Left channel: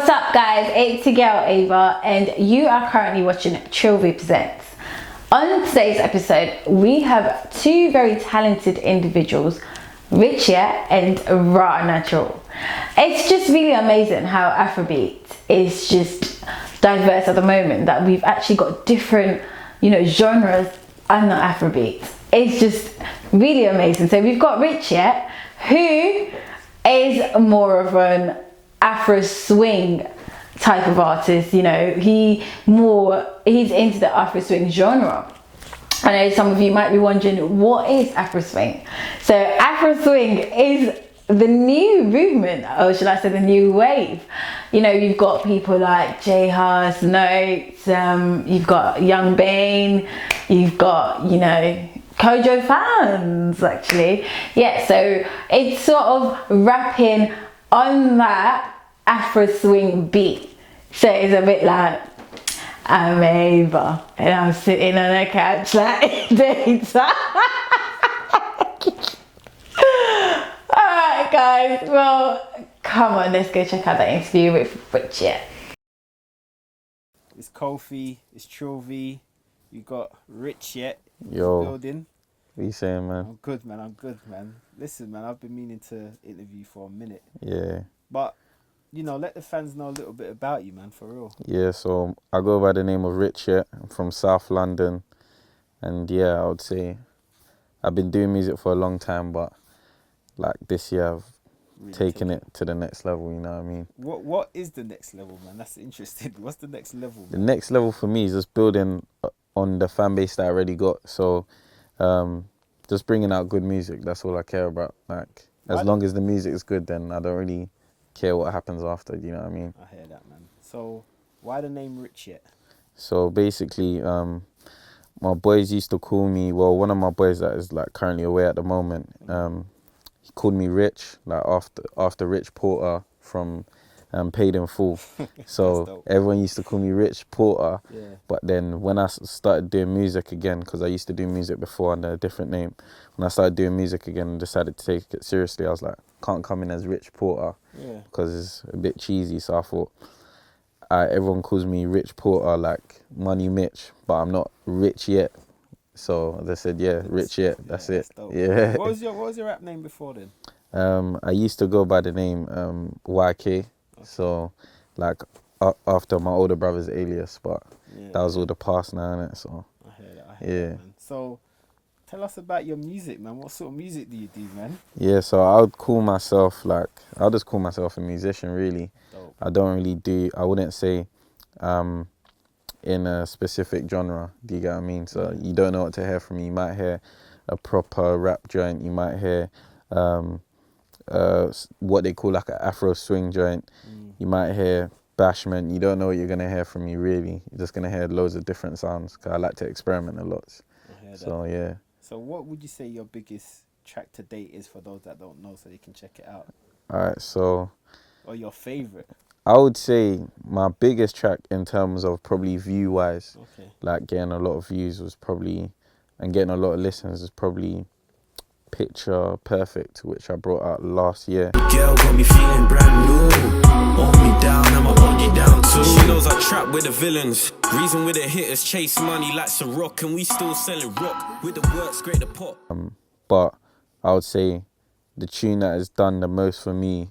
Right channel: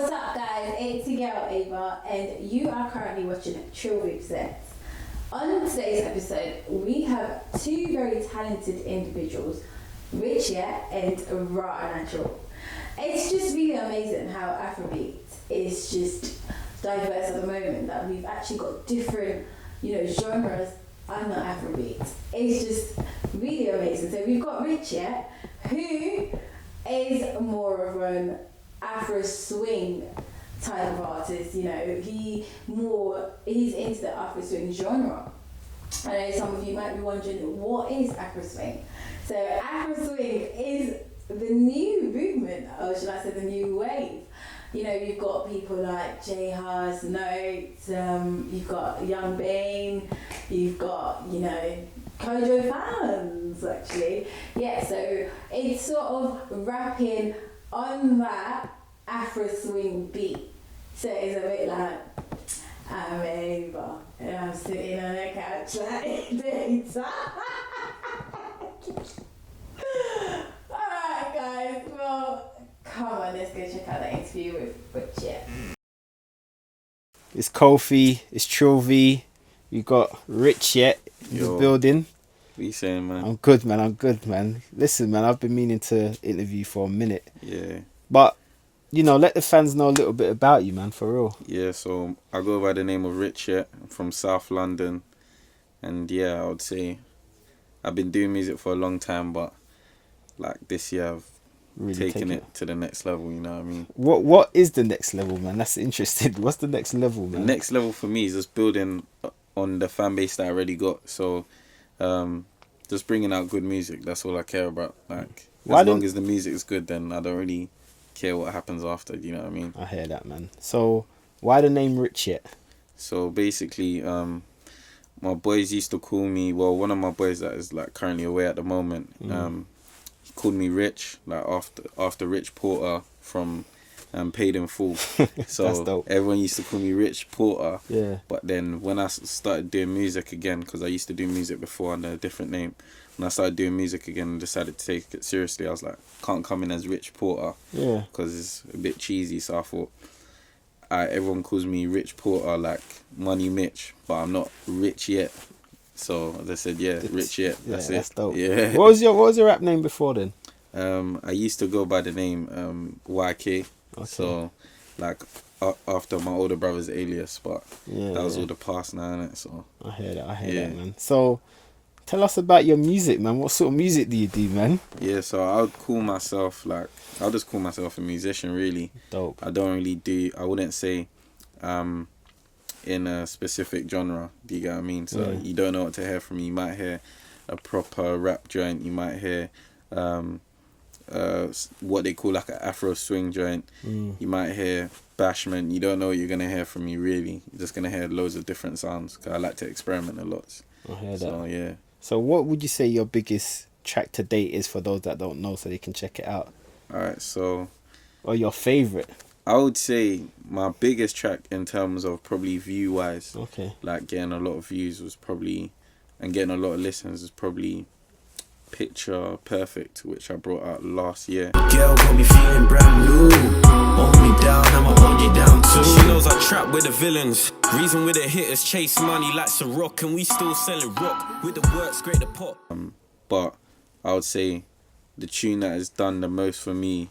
What's up, guys? It's your girl Ava, and you are currently watching Trill V Presents. On today's episode, we have two very talented individuals, Rich and Raw Natural. It's just really amazing how Afrobeat is just diverse at the moment, that we've actually got different, genres under Afrobeat. It's just really amazing. So we've got Rich, who is more of an Afro swing type of artist. He's into the Afro swing genre. I know some of you might be wondering, what is Afro swing? So Afro swing is the new movement, or should I say the new wave. You've got people like J Hus, Notes, you've got Young Bane, you've got, Kojo fans actually. Yeah, so it's sort of rapping on that Afro swing beat. So it's a bit like, I'm Ava and I'm sitting on a couch like this. Alright guys, well, come on, let's go check out that interview with Rich. It's Kofi, it's Trill V, you got Rich in the building. What you saying, man? I'm good, man. Listen, man, I've been meaning to interview for a minute. Yeah. But, let the fans know a little bit about you, man, for real. Yeah, so I go by the name of Rich. I'm from South London. And yeah, I would say I've been doing music for a long time, but like this year I've really taken it to the next level, you know what I mean? What is the next level, man? That's interesting. What's the next level, man? The next level for me is just building on the fan base that I already got. So just bringing out good music, that's all I care about. Like, as long as the music is good, then I don't really care what happens after, you know what I mean? I hear that, man. So why the name Rich? So basically, my boys used to call me, well, one of my boys that is like currently away at the moment, he called me Rich, like after Rich Porter from Paid in Full. So everyone used to call me Rich Porter. Yeah. But then when I started doing music again, because I used to do music before under a different name, when I started doing music again and decided to take it seriously, I was like, can't come in as Rich Porter. Yeah. Because it's a bit cheesy. So I thought, everyone calls me Rich Porter, like Money Mitch, but I'm not rich yet. So they said, Rich yet. That's it. That's dope. Yeah. What was your rap name before then? I used to go by the name Wacky. Okay. So, like, after my older brother's alias, but that was all the past now, innit? So I hear that, man. So, tell us about your music, man. What sort of music do you do, man? Yeah, so I'll just call myself a musician, really. Dope. I wouldn't say in a specific genre, do you get what I mean? So you don't know what to hear from me. You might hear a proper rap joint, you might hear what they call like an Afro swing joint. You might hear bashment. You don't know what you're gonna hear from me, really. You're just gonna hear loads of different sounds, because I like to experiment a lot. I hear that. So yeah. So what would you say your biggest track to date is for those that don't know, so they can check it out? Alright, so, or your favorite? I would say my biggest track in terms of probably view wise, like getting a lot of views and getting a lot of listens was probably Picture Perfect, which I brought out last year. Girl got me feeling brand new. Hold me down, I'ma hold you down too. She knows I trap with the villains. Reason with the hitters chase money like some rock, and we still selling rock with the work scrape the pot. But I would say the tune that has done the most for me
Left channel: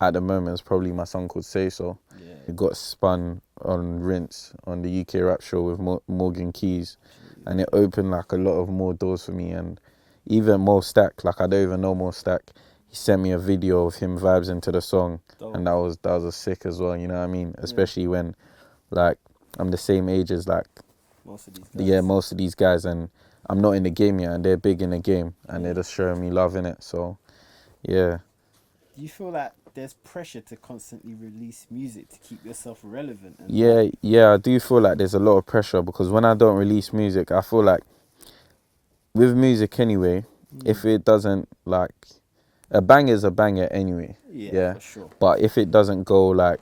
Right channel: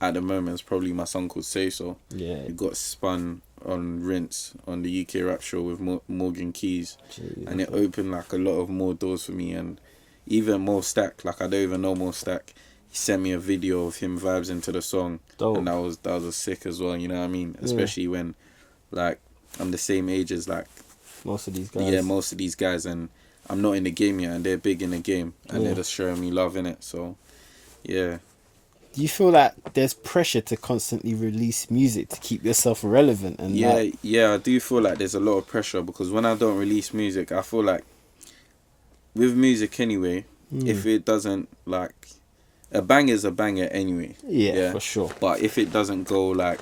at the moment is probably my song called Say So. Yeah. It got spun on Rinse on the UK Rap Show with Morgan Keys. Jeez. And it opened like a lot of more doors for me. And even Mo Stack, like I don't even know Mo Stack, he sent me a video of him vibes into the song. Dope. And that was a sick as well, you know what I mean? Especially when like I'm the same age as like most of these guys. Yeah, most of these guys, and I'm not in the game yet, and they're big in the game, and they're just showing me love in it. So yeah. Do you feel like there's pressure to constantly release music to keep yourself relevant? And I do feel like there's a lot of pressure, because when I don't release music, I feel like with music anyway, if it doesn't, like, a banger is a banger anyway. Yeah, for sure. But if it doesn't go like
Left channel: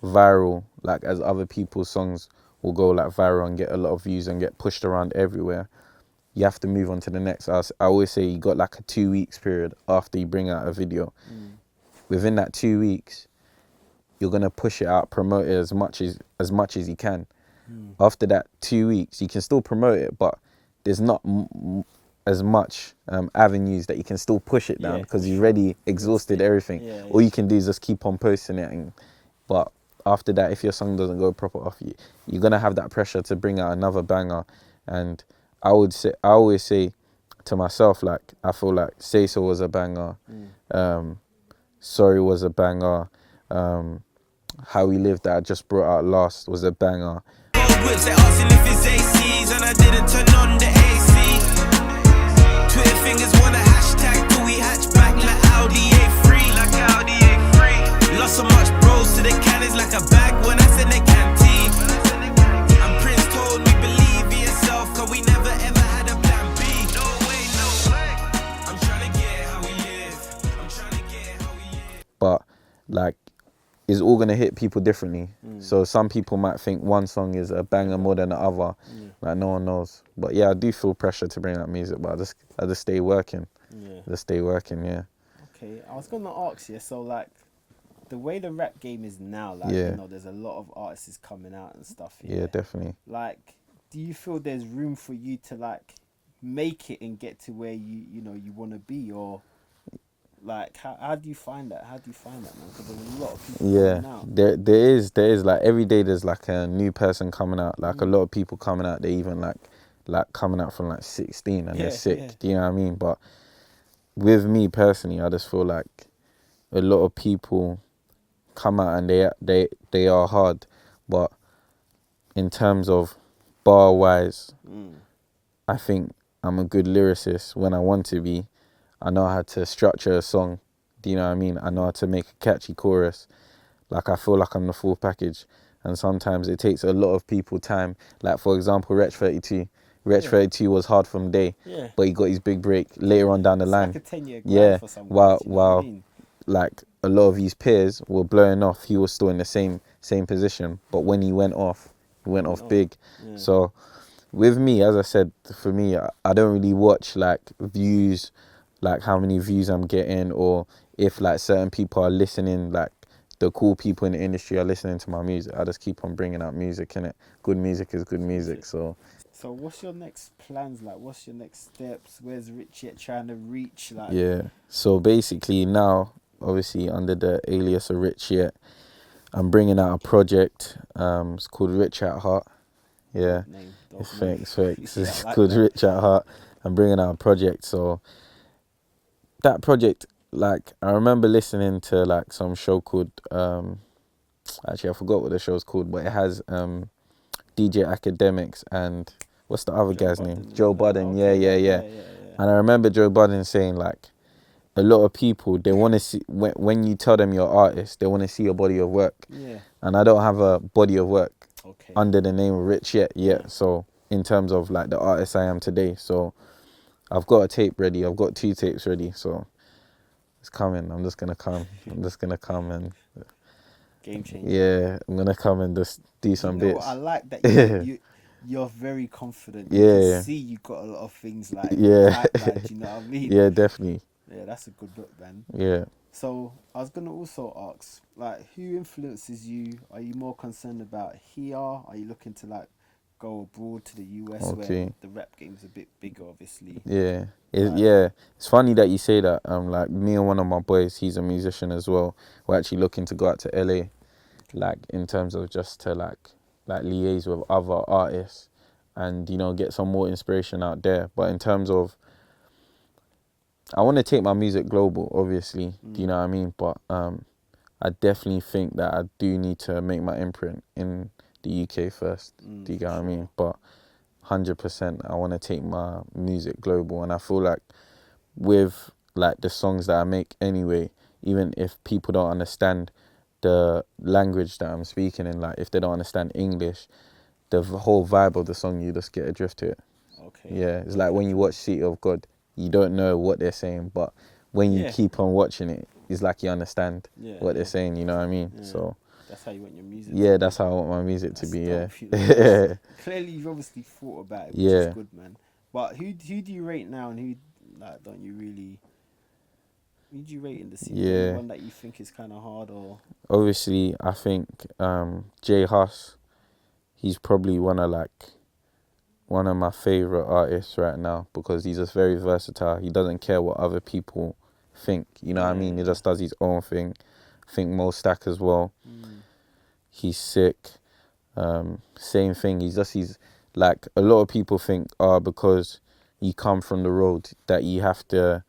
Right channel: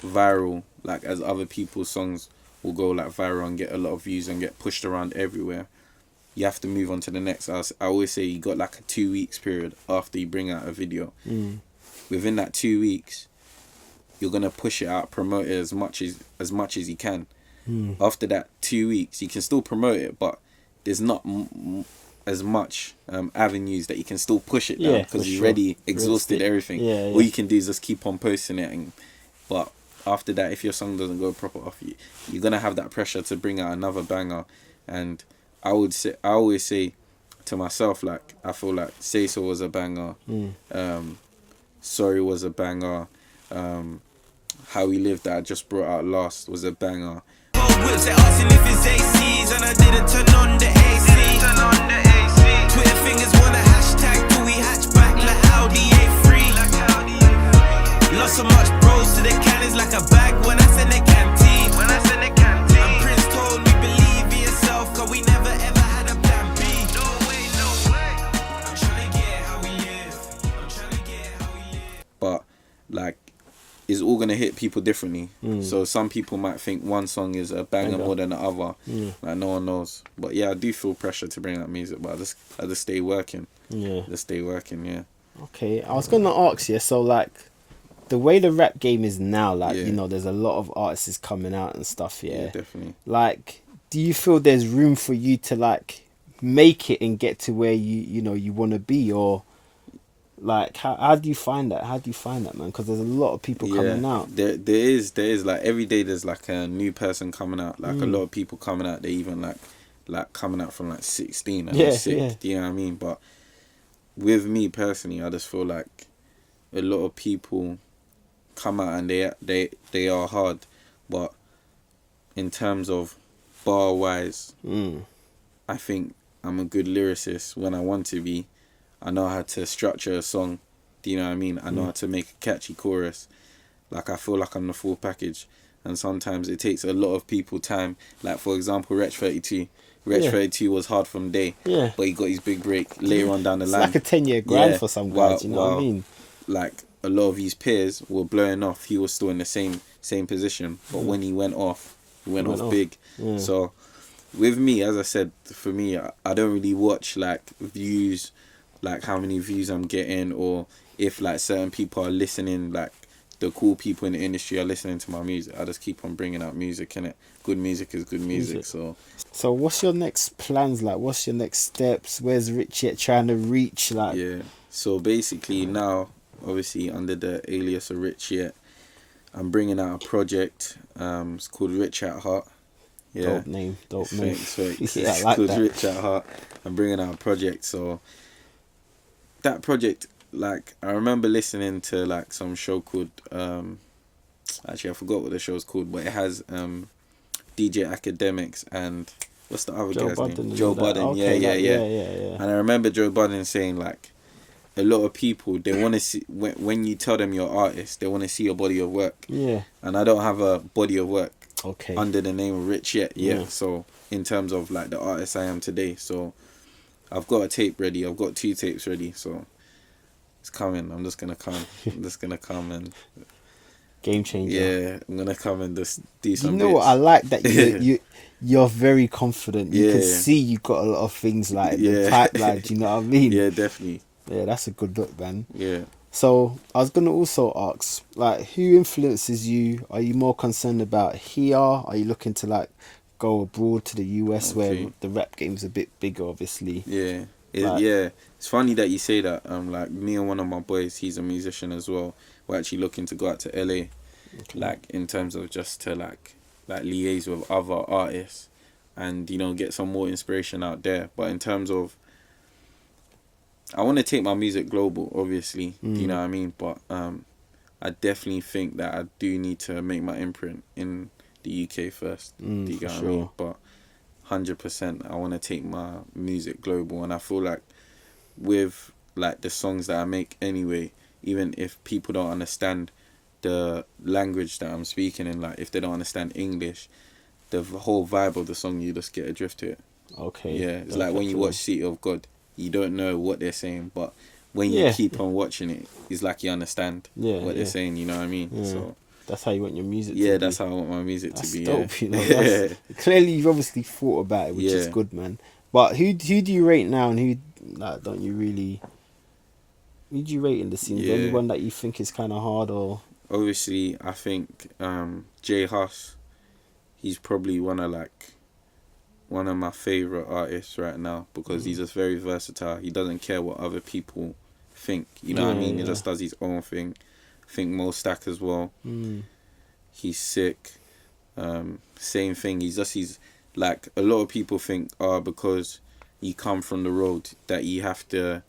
viral, like as other people's songs will go like viral and get a lot of views and get pushed around everywhere, you have to move on to the next. I always say you got like a 2 weeks period after you bring out a video. Within that 2 weeks, you're gonna push it out, promote it as much as you can. After that 2 weeks, you can still promote it, but there's not as much avenues that you can still push it down because you've already exhausted everything. All you can do is just keep on posting it. But after that, if your song doesn't go proper off, you're gonna have that pressure to bring out another banger. And I always say to myself, like, I feel like Say So was a banger, Sorry was a banger, How We Live that I just brought out last was a banger. Whips, they asking if it's ACs, and I didn't turn on the AC. Twitter fingers wanna hashtag, do we hatchback like Audi A3? Lost so much bros to the cannons like a bag when I send the canteen. And Prince told me believe in yourself, cause we never ever had a plan B. No way, no way. I'm trying to get how we live. But like, it's all gonna hit people differently. So some people might think one song is a banger more than the other. Like, no one knows. But yeah, I do feel pressure to bring out music, but I just stay working. Just stay working. Yeah. Okay, I was gonna ask you. So like, the way the rap game is now, like, you know, there's a lot of artists coming out and stuff. Yeah, definitely. Like, do you feel there's room for you to like make it and get to where you know you want to be, or like how do you find that? How do you find that, man? Because there's a lot of people coming out. There is like every day there's like a new person coming out. Like a lot of people coming out. They even like coming out from like 16 and they're sick. Do you know what I mean? But with me personally, I just feel like a lot of people come out and they are hard, but in terms of bar wise, I think I'm a good lyricist when I want to be. I know how to structure a song. Do you know what I mean? I know how to make a catchy chorus. Like, I feel like I'm the full package. And sometimes it takes a lot of people time. Like, for example, Wretch 32. Wretch 32 was hard from day, but he got his big break later on down the line. It's like a 10-year grind for some guys, you know what I mean? Like, a lot of his peers were blowing off. He was still in the same position. But when he went off, he went off big. So, with me, as I said, for me, I don't really watch, like, views, like how many views I'm getting, or if like certain people are listening, like the cool people in the industry are listening to my music. I just keep on bringing out music, innit? Good music is good music. So what's your next plans like? What's your next steps? Where's Rich Yet trying to reach? Like, so basically now, obviously under the alias of Rich Yet, I'm bringing out a project. It's called Rich at Heart. Dope name. Thanks. It's like called that. Rich at Heart. I'm bringing out a project. So that project, like, I remember listening to like some show called actually I forgot what the show's called, but it has DJ Academics and what's the other guy's name? Joe Budden. Okay, yeah. And I remember Joe Budden saying like a lot of people, they want to see when you tell them you're an artist, they want to see your body of work. And I don't have a body of work under the name of Rich yet. So in terms of like the artist I am today, so I've got a tape ready. I've got 2 tapes ready, so it's coming. I'm just gonna come and game changer. Yeah, I'm gonna come and just do some. You know what? I like that you're very confident. You can see you've got a lot of things like in the pipeline. Do you know what I mean? Yeah, definitely. Yeah, that's a good look, man. Yeah. So I was gonna also ask, like, who influences you? Are you more concerned about here? Are you looking to like go abroad to the US where the rap game's a bit bigger, obviously? It's funny that you say that. Like, me and one of my boys, he's a musician as well. We're actually looking to go out to LA, like in terms of just to like liaise with other artists and, you know, get some more inspiration out there. But in terms of, I want to take my music global, obviously. Do you know what I mean? But I definitely think that I do need to make my imprint in the UK first. Do you get what I mean? But 100%, I want to take my music global, and I feel like with like the songs that I make anyway, even if people don't understand the language that I'm speaking in, like if they don't understand English, the whole vibe of the song, you just get a drift to it. It's like when you watch City of God, you don't know what they're saying, but when you keep on watching it, it's like you understand what they're saying. You know what I mean? So that's how you want your music to be. That's how I want my music to be. Dope, you know? Clearly, you've obviously thought about it, which is good, man. But who do you rate now, and who don't you really? Who do you rate in the scene? Is there anyone that you think is kind of hard, or? obviously, I think Jay Huss, he's probably one of my favorite artists right now because he's just very versatile. He doesn't care what other people think. You know what I mean? He just does his own thing. I think Mo Stack as well. He's sick. Same thing. He's like, a lot of people think, because you come from the road that you have to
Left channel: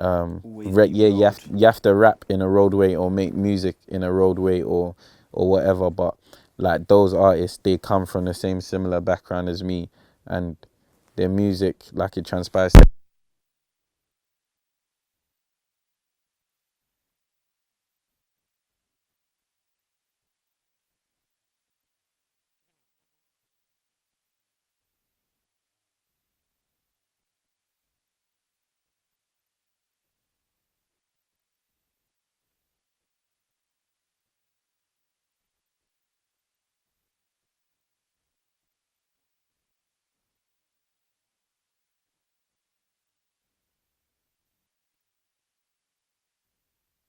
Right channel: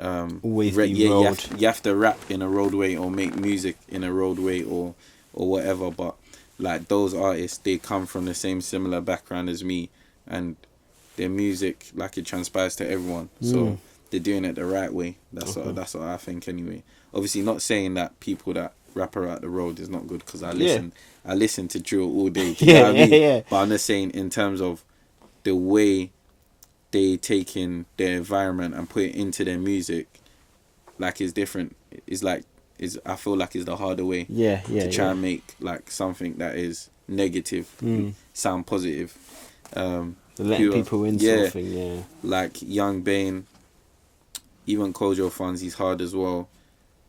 Always you have to rap in a roadway or make music in a roadway or whatever. But like, those artists, they come from the same similar background as me, and their music, like, it transpires to everyone. So they're doing it the right way. That's what I think anyway. Obviously, not saying that people that rap around the road is not good, because I listen to drill all day. You know what I mean? But I'm just saying, in terms of the way they take in their environment and put it into their music, like, it's different. I feel like it's the harder way. To try and make like something that is negative sound positive. Letting people in something, Like Young Bane, even Kojo Funds, he's hard as well.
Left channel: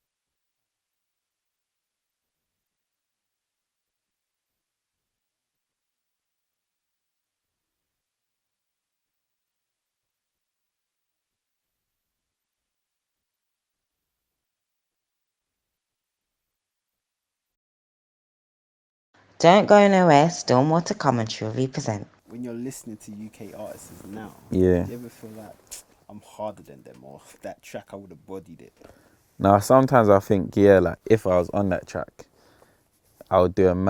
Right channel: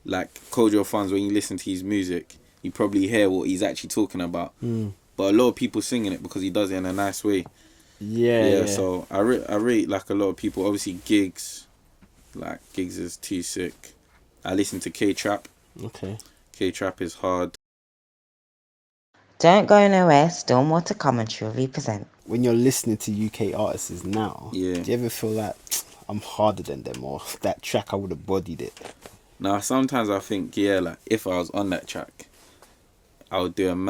Like Kojo Funds, when you listen to his music, you probably hear what he's actually talking about. But a lot of people singing it because he does it in a nice way. So I rate like a lot of people. Obviously Gigs is too sick. I listen to K-Trap. K-Trap is hard. Don't go nowhere, still more to come on Trill V Present. When you're listening to UK artists now, do you ever feel like, I'm harder than them, or that track I would have bodied it? Now, sometimes I think, like, if I was on that track, I would do a man